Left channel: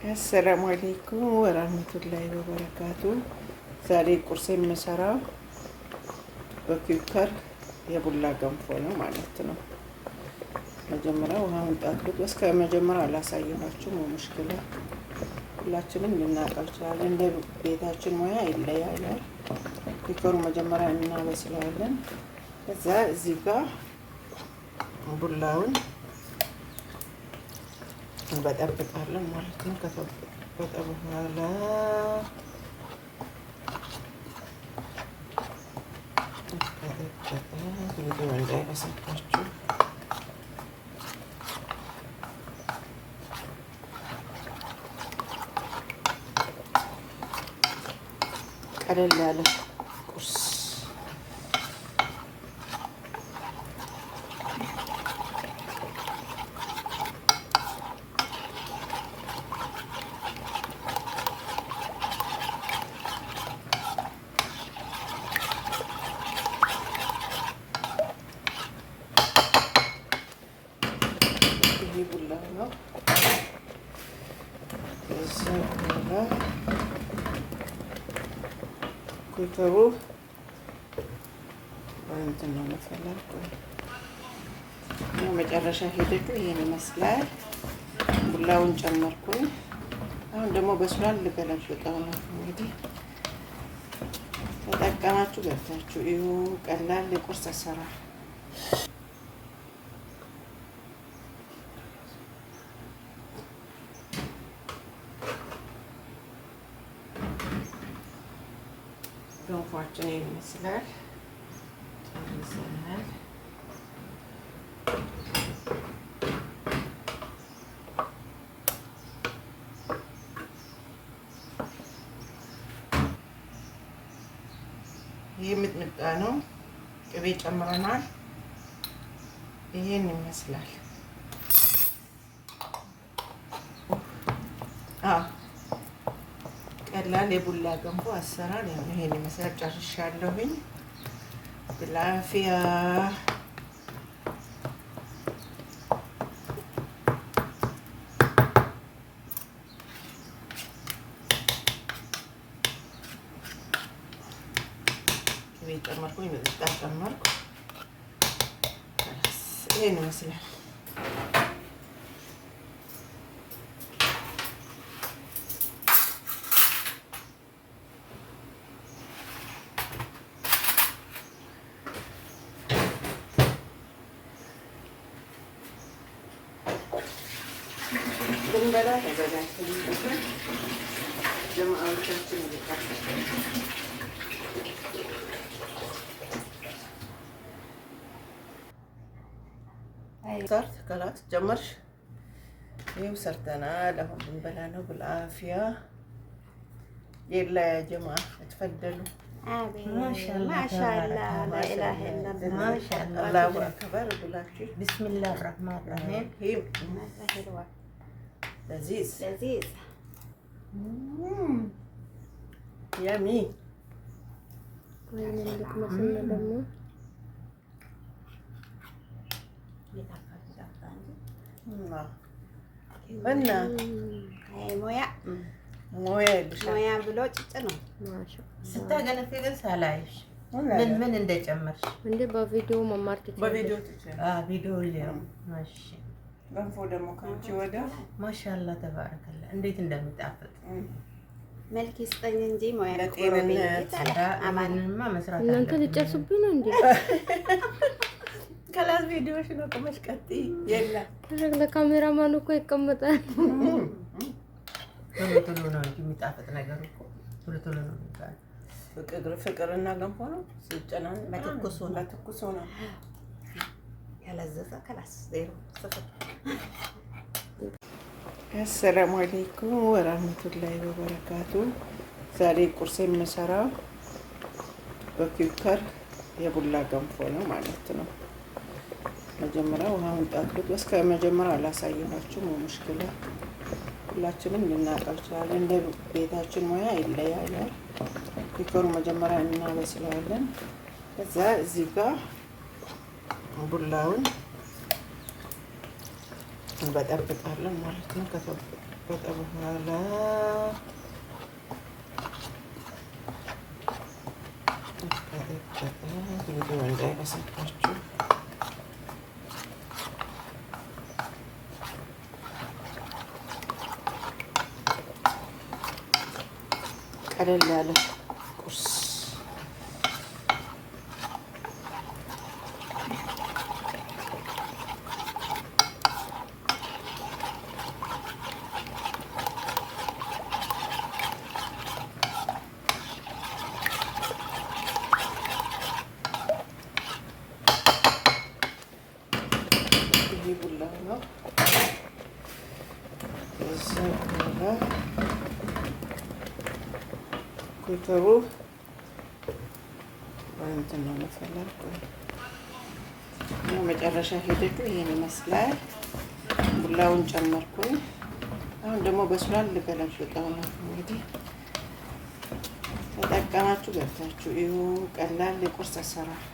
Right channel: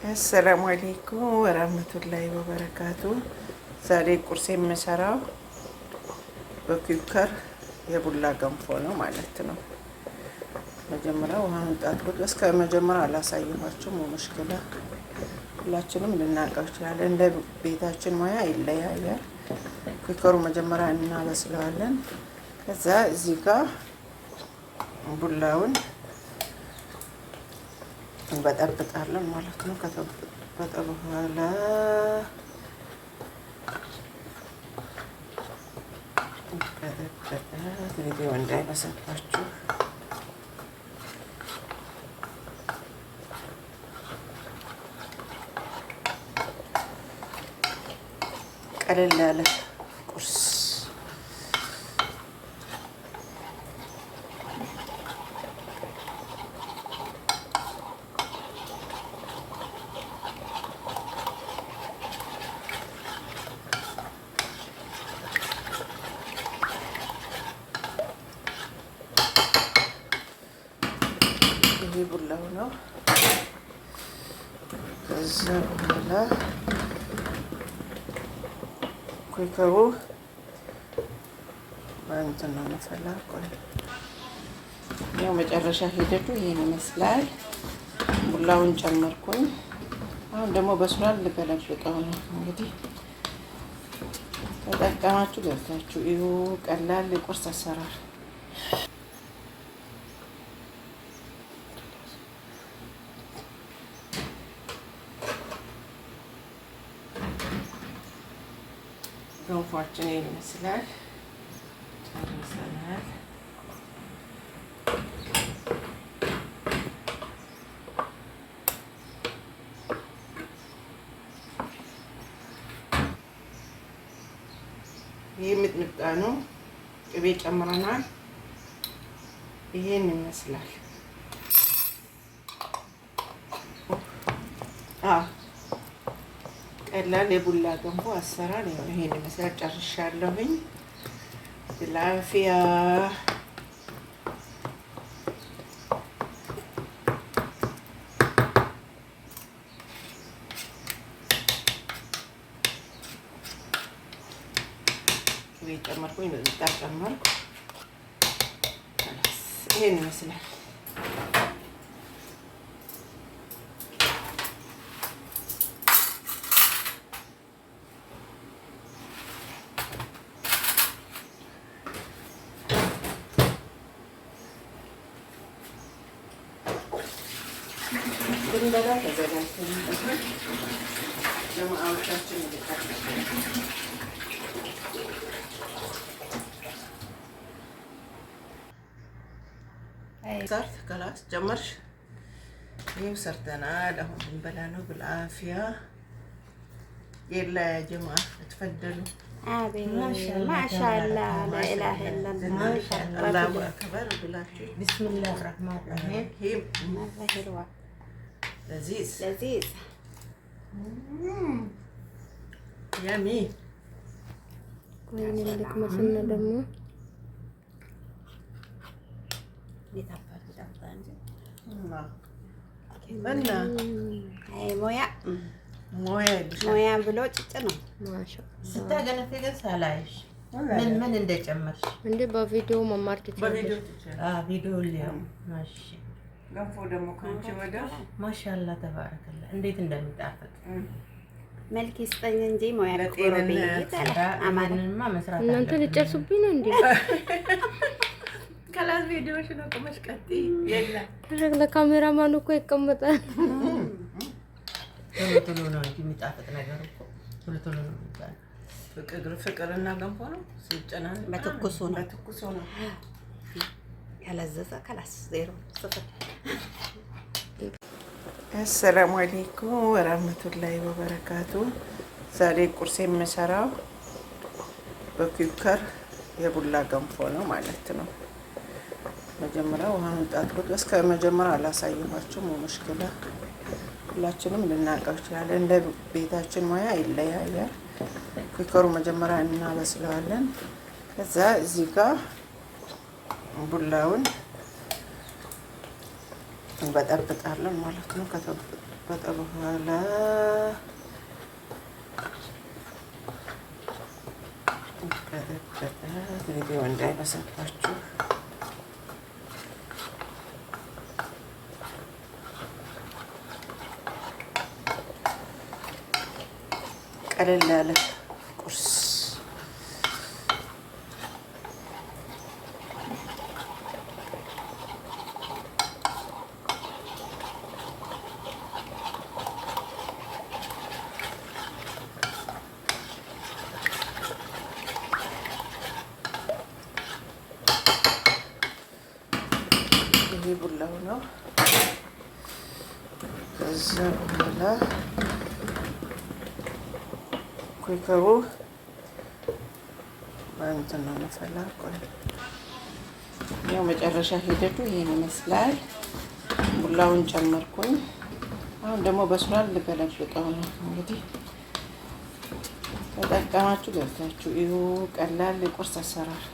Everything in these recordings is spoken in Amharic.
አሰላሙ አለይኩም ወራህመቱላሂ ወበረካቱ። ዛሬ ቁርስ የምሰራው በኩከር የቡላ ገንፎ ነው ማለት ነው። መጀመሪያ ውሃውን ጣጥኩት። እስከ መጀመሪያ አላሳየኋችሁም። ሙሽኪላ ሁላችንም ልናውቀው ይችላል። እንደ ቤታችን ሙያ ይለያያል። ኩከሩ መጀመሪያ እናበስለዋለን። ከዛ እዚህ ጋር ቡላውን እንበጠብጣለን ማለት ነው። ከተበጠበጠ በኋላ ቪዲዮ እንዳይበሰባችሁ ቀለል ያለ ቁርስ ቡላው ነው። ከዛ በኋላ ኩከሩ እንትን ነው መፈላ። ቆይ ያው መጨረሻ ሂደቱ ይሄን ይመስላል። ቡላውን ጨመርኩኝ። አሁን ደግሞ በስሏል። ልገለብጠው ነው እንግዲህ። ተጠቀማችሁ ገብታችሁ እዩ። ቀላል የቁርስ አሰራር ገንፏችን ይመስላል። ጨርሰናል። ይህ ሚጥሚጣ ነው። ቅቤ ጨምረናል። ይሄን ይመስላል። ቀላል የቡላ ገንፎ አሰራር ይሄን ይመስላል። ጨርሻለሁኝ። ብላፊያ ቅቤ ጨመርኩኝ። ሚጥሚጣ ጨመርኩ። ይሄን ይመስላል። ልንበላ ተዘጋጅተን ጀማዓዎቻችን ይልቃል። ሰርት ከላት ጀመርሽ። ይኸው ሰርተናል። አሁን ልንበላ ነው። ብልአፊያ የላ ያ ጀማዓ ተፈደሉ። ማሻአላህ ላኢላሀ ኢለላህ ማሻአላህ አላሁ አክበር ብላችሁ ቢስሚላህ ረህማን ረሂም ለዚዝ ለዚዝ ያሚ ቆይ ልክ መስነ ደግሞ እና ሞያ ሞያ ብሎ ጭጭ ነው። ስታገነፊ ግን ሳላይሽ ምን እንደጨመርሽ እንዴ በቪዲዮ መማር ትችላለሽ። ቪዲዮ ሊያው ማሽ ገንፎ ደግሞ ከአንቺ ወደ ማሻአላ ተባረከላ እንዴት እንደሚጣፍጥ መልክ ይስጠኝ እንጂ ሞያ ለጤንነት አማንማ መስራት እናንተ ልጨርሱብኝ ነው እንዴ? ከላስ ቪዲዮሽ ነው ቆመሽ ቀጥ የለ ለካሜራማኑ እኮ ይቀመጣል። ቶሎ ነው እንጂ የሚጣፍጥ ነገር እኮ ቶሎ ነው የሚባል። ፍቅርና ገንፎ ነው ሲጨናነቅ በትኩሱ ነው። ያለዘዘ ከላስ ዜሮ ስፍር። አሰላሙ አለይኩም ወራህመቱላሂ ወበረካቱ። ዛሬ ቁርስ የምሰራው በኩከር የቡላ ገንፎ ነው ማለት ነው። መጀመሪያ ውሃውን ጣጥኩት። እስከ መጀመሪያ አላሳየኋችሁም። ሙሽኪላ ሁላችንም ልናውቀው ይችላል። እንደ ቤታችን ሙያ ይለያያል። ኩከሩ መጀመሪያ እናበስለዋለን። ከዛ እዚህ ጋር ቡላውን እንበጠብጣለን ማለት ነው። ከጠ በኋላ ቀጠቀጠ። ቪዲዮ እንዳይበሳባችሁ ቀለል ያለ ቁርስ ይሄ ቡላው ነው። ከዛ በኋላ ኩከሩ በእንትን ነው መፈላ። ቆይ ያው መጨረሻ ሂደቱ ይሄን ይመስላል። ቡላውን ጨመርኩኝ። አሁን ደግሞ በስሏል። ልገለብጠው ነው እንግዲህ። ተጠቀማችሁ ገብታችሁ ይሁ ቀላል የቁርስ አሰራር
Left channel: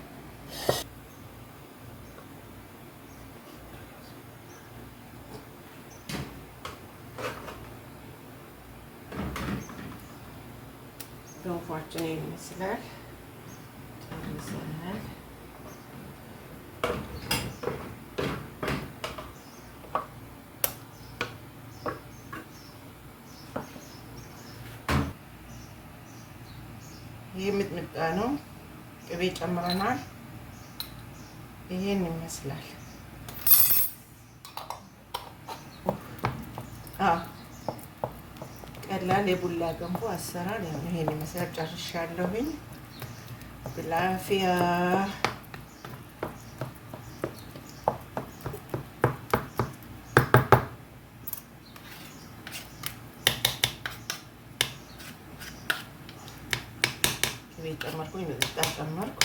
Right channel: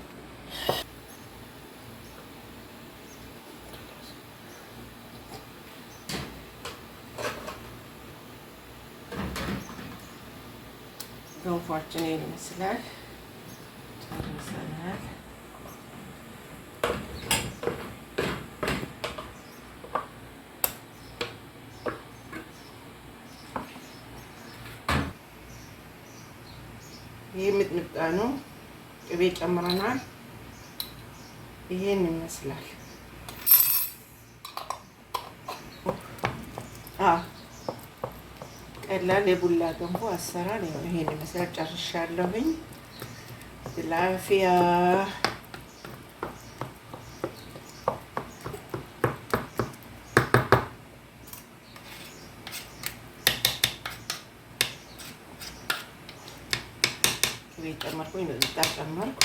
ገንፏችን ይመስላል። ጨርሰናል። ይህ ሚጥሚጣ ነው። ቅቤ ጨምረናል። ይሄን ይመስላል። ቀላል የቡላ ገንፎ አሰራር ይሄን ይመስላል። ጨርሻለሁኝ። ብላፊያ ቅቤ ጨመርኩኝ። ጨመርኩ።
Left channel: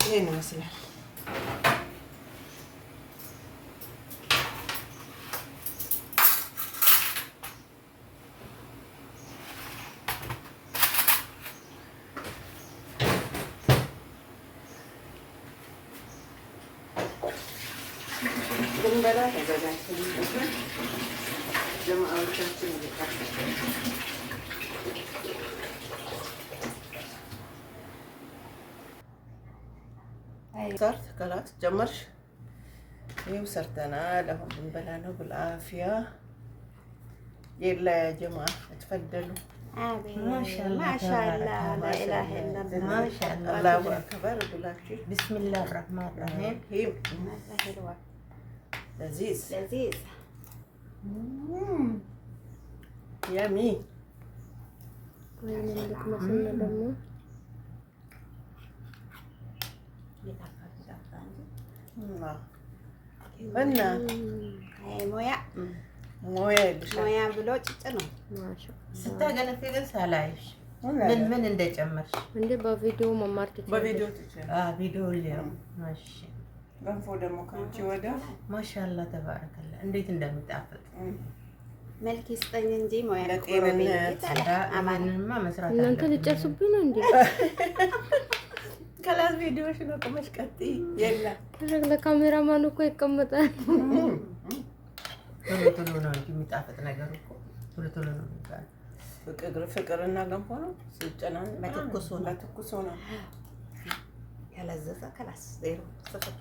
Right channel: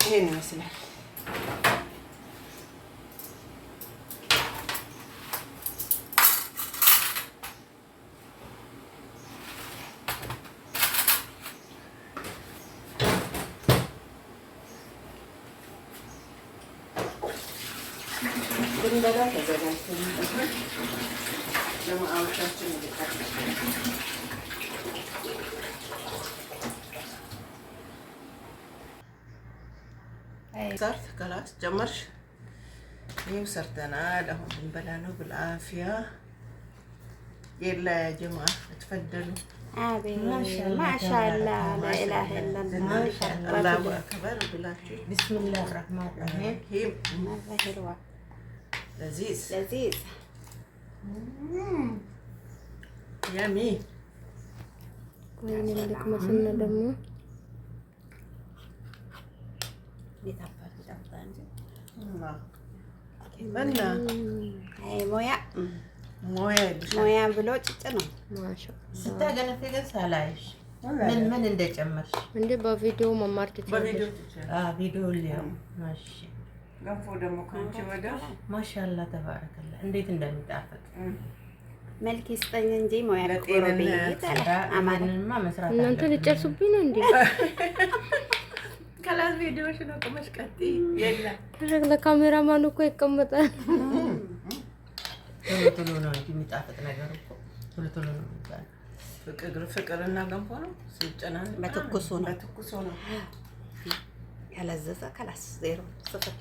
ይሄን ይመስላል። ድንበላ ተዘጋጅተን ጀማዓዎቻችን ሰርት ከላት ጀመርሽ። ይኸው ሰርተናል። አሁን ድንበላ ነው። ብልአፊያ የላ ያ ጀማዓ ተፈደሉ። ማሻአላ ላኢላሀ ኢለላህ አላሁ አክበር ብላችሁ ቢስሚላህ ረህማን ረሂም ለዚዝ ያሚ ወይኔ ልክ መስነ ደግሞ እና ሞያ ብሎ ጭጭ ነው። ስታገነፊ ግን ሳላይሽ ምን እንደጨመርሽ እንዴ በቪዲዮ መማር ትችላለሽ። ቪዲዮ ሊያው ማሽ ገንፎ ደግሞ ከአንቺ ወደ ማሻአላ ተባረከላ እንዴት እንደሚጣፍጥ መልክ ይስጠኝ እንጂ ሞያ ለጤንነት አማንማ መስራት እናንተ ልጨርሱብኝ ነው እንዴ? ከላስ ቪዲዮሽ ነው ቆመሽ ቀጥይ። የላ ለካሜራማኑ እኮ ይቀመጣል። ቶሎ ነው እንጂ የሚጣፍጥ ነገር እኮ ቶሎ ነው የሚባለው። ፍቅርና ገንፎ ነው ሲጨናነቅ በትኩሱ ነው ያለዘዘ ከላስ ዜሮ 0